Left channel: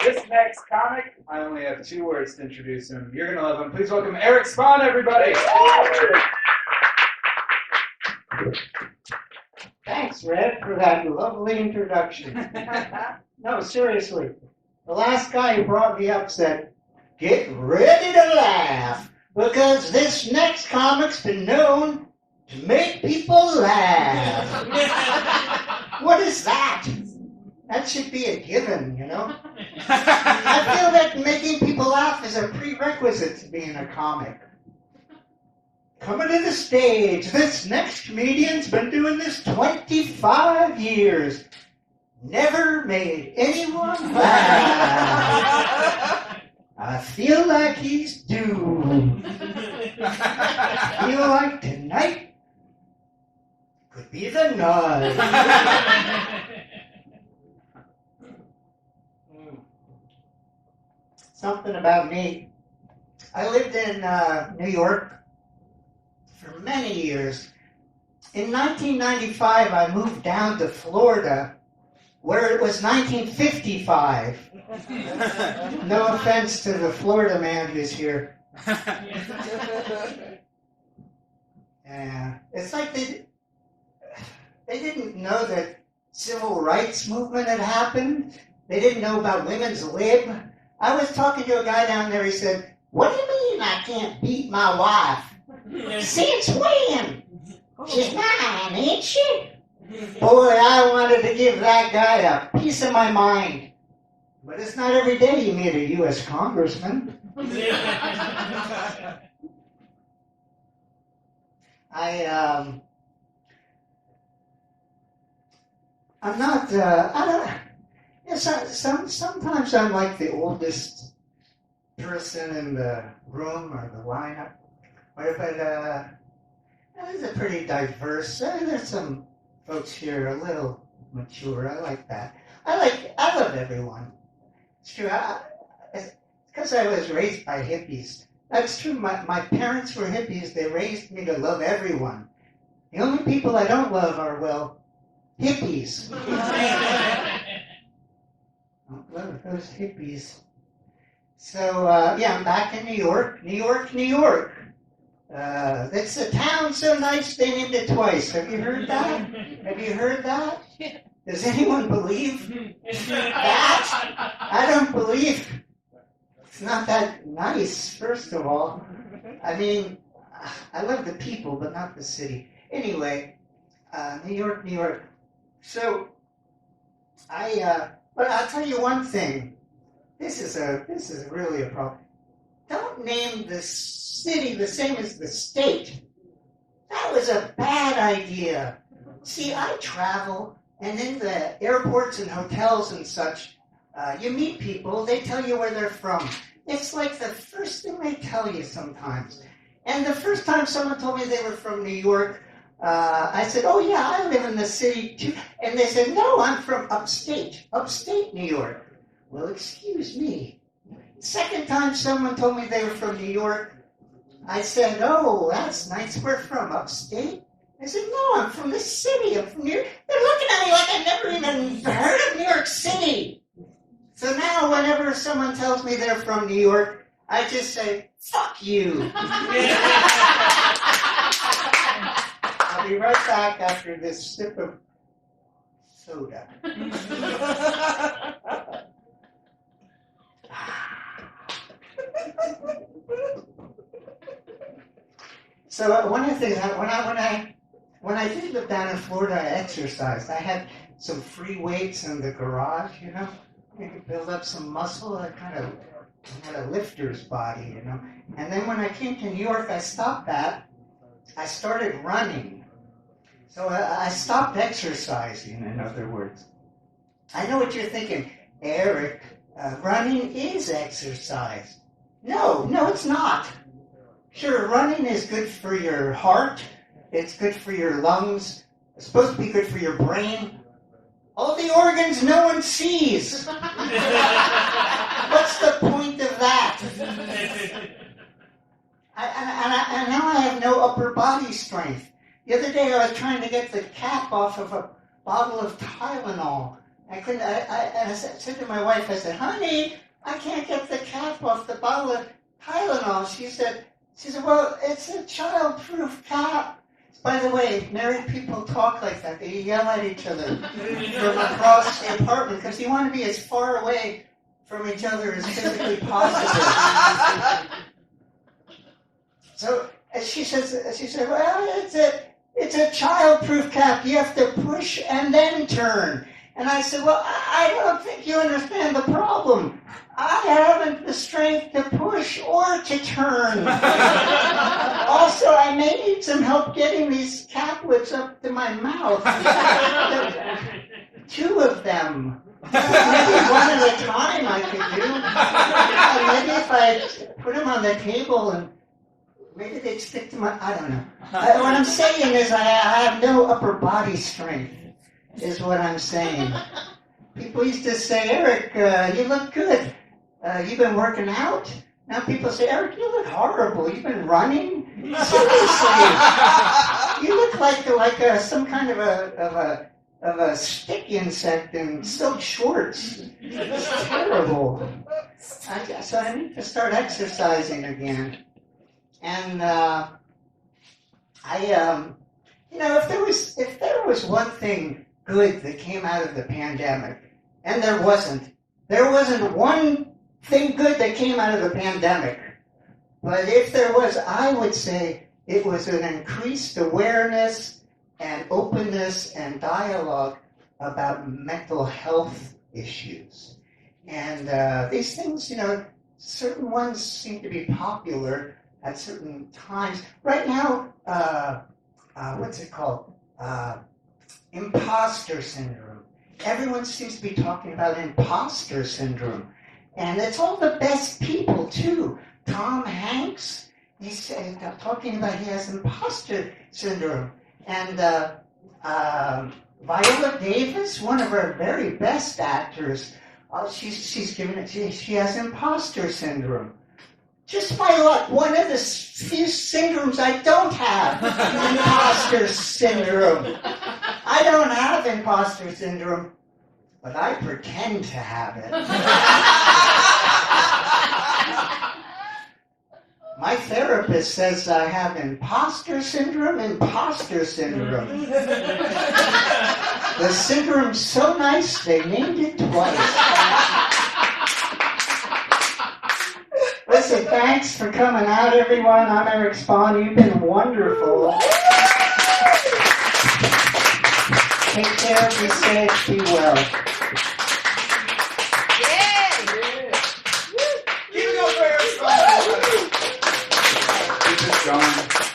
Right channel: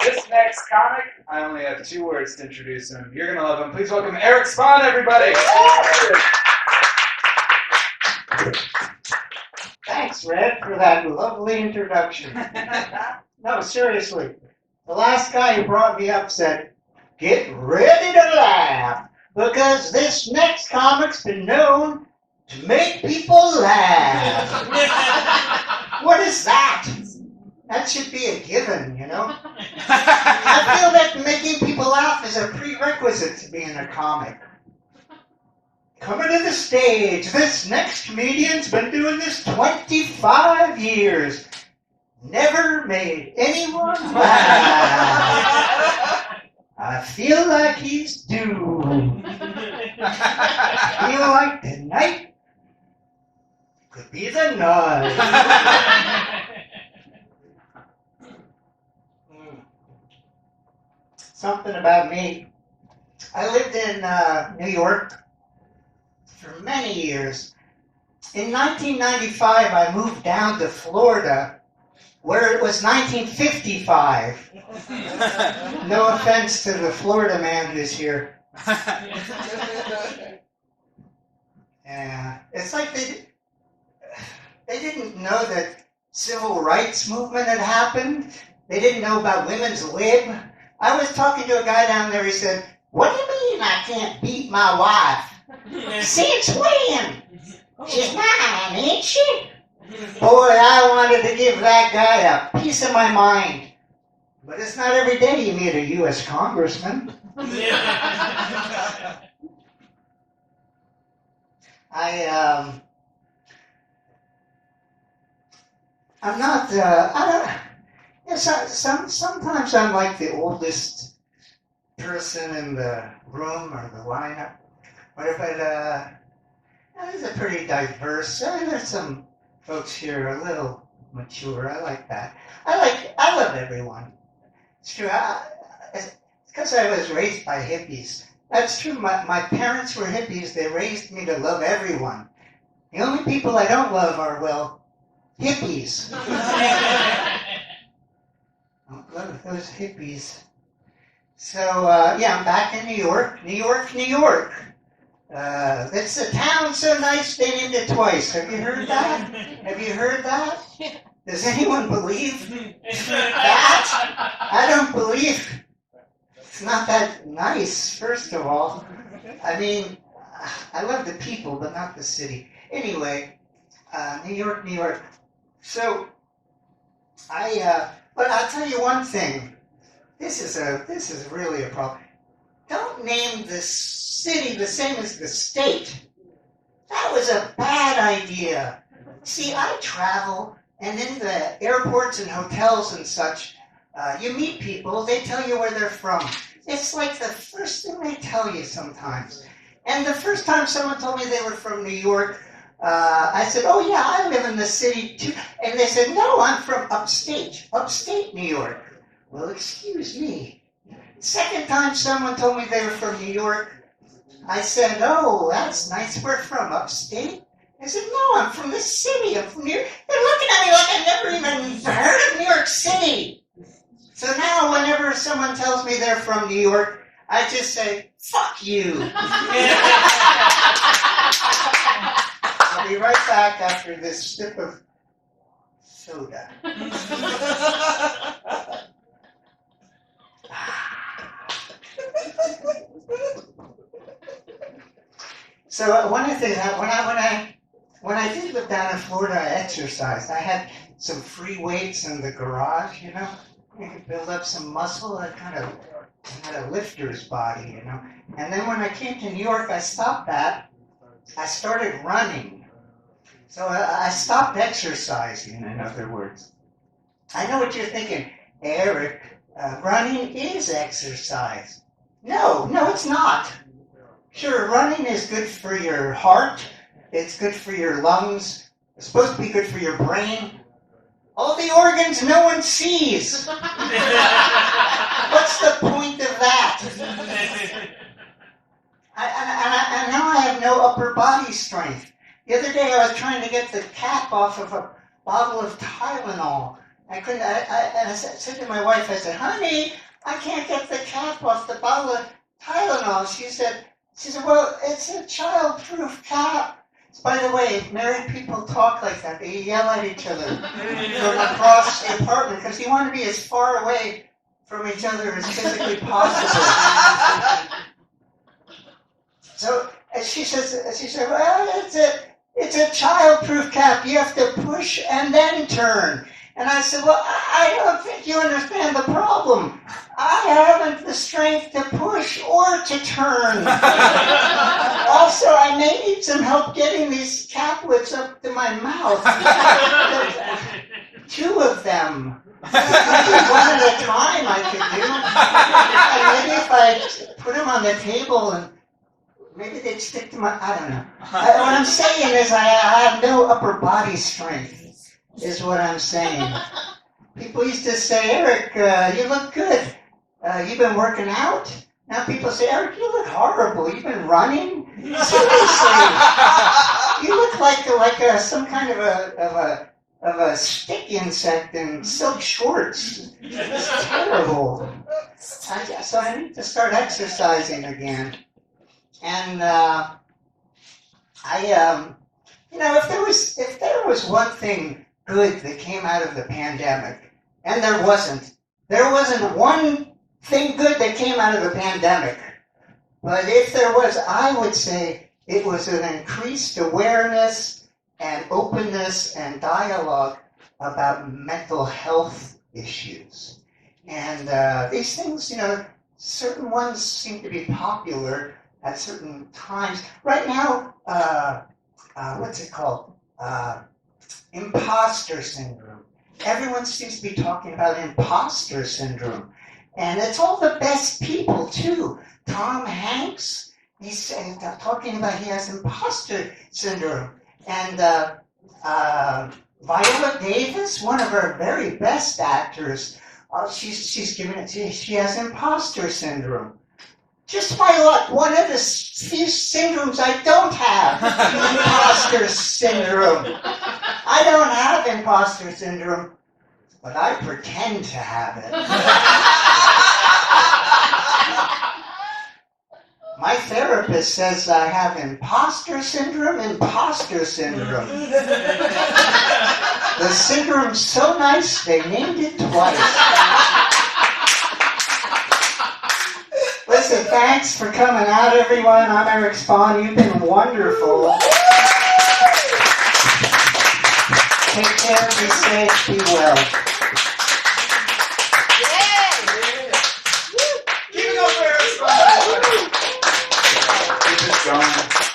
This next comic, I only have 2 words to introduce him. You're going to love him. Please welcome Erik Spahn, everybody. Thanks, Red, for that lovely introduction. No, seriously. The last guy who brought me up said, "Get ready to laugh, because this next comic's been known to make people laugh." What is that? That should be a given, you know? I feel that making people laugh is a prerequisite to being a comic. Coming to the stage, this next comedian's been doing this 25 years. Never made anyone laugh. I feel like he's doomed. I feel like tonight could be the night. Something about me. I lived in New York for many years. In 1995, I moved down to Florida, where it was 1955. No offense to the Florida man who's here. It's like they didn't know that civil rights movement had happened. They didn't know about women's lib. I was talking to a guy down there, he said, "What do you mean I can't beat my wife? Since when? She's mine, ain't she?" Boy, I wanted to give that guy a piece of my mind. But it's not every day you meet a U.S. congressman. I'm not, sometimes I'm like the oldest person in the room or the lineup. But it's a pretty diverse. There's some folks here a little mature. I like that. I love everyone. It's true. It's because I was raised by hippies. That's true. My parents were hippies. They raised me to love everyone. The only people I don't love are, well, hippies. I don't love those hippies. So, I'm back in New York. New York, New York. It's a town so nice they named it twice. Have you heard that? Have you heard that? Does anyone believe that? I don't believe it's not that nice, first of all. I mean, I love the people, but not the city. Anyway, New York, New York. So, but I'll tell you one thing. This is really a problem. Don't name the city the same as the state. That was a bad idea. See, I travel, and in the airports and hotels and such, you meet people, they tell you where they're from. It's like the first thing they tell you sometimes. And the first time someone told me they were from New York, I said, "Oh yeah, I live in the city too." And they said, "No, I'm from upstate New York." Well, excuse me. Second time someone told me they were from New York, I said, "Oh, that's nice. We're from upstate." They said, "No, I'm from the city. I'm from New York." They're looking at me like I've never even heard of New York City. So now whenever someone tells me they're from New York, I just say, "Fuck you." I'll be right back after this sip of soda. So one of the things, when I did live down in Florida, I exercised. I had some free weights in the garage, you know. You could build up some muscle. I kind of had a lifter's body, you know. And then when I came to New York, I stopped that. I started running. So I stopped exercising, in other words. I know what you're thinking, Eric. Running is exercise. No, it's not. Sure, running is good for your heart. It's good for your lungs. It's supposed to be good for your brain. All the organs no one sees. What's the point of that? And now I have no upper body strength. The other day I was trying to get the cap off of a bottle of Tylenol, I couldn't, and I said to my wife, I said, honey, I can't get the cap off the bottle of Tylenol. She said, well, it's a child-proof cap. By the way, married people talk like that. They yell at each other from across the apartment because you want to be as far away from each other as physically possible. So she said, well, it's a child-proof cap. You have to push and then turn. And I said, well, I don't think you understand the problem. I haven't the strength to push or to turn. Also, I may need some help getting these caplets up to my mouth. 2 of them. Maybe one at a time I could do. And maybe if I put them on the table and maybe they'd stick to my, I don't know. What I'm saying is I have no upper body strength, is what I'm saying. People used to say, Eric, you look good. You've been working out? Now people say, Eric, you look horrible. You've been running? Seriously. You look like some kind of a stick insect in silk shorts. It's terrible. So I need to start exercising again. And if there was one thing good that came out of the pandemic, and there wasn't one thing good that came out of the pandemic. But if there was, I would say it was an increased awareness and openness and dialogue about mental health issues. And these things, certain ones seem to be popular at certain times. Right now, what's it called? Imposter syndrome. Everyone seems to be talking about imposter syndrome. And it's all the best people, too. Tom Hanks, he's talking about he has imposter syndrome. And Viola Davis, one of our very best actors, she's given it to, she has imposter syndrome. Just my luck, one of the few syndromes I don't have, imposter syndrome. I don't have imposter syndrome, but I pretend to have it. My therapist says I have imposter syndrome. The syndrome's so nice, they named it twice. Listen, thanks for coming out, everyone. I'm Erik Spahn. You've been wonderful. Take care, be safe, be well. Keep it going.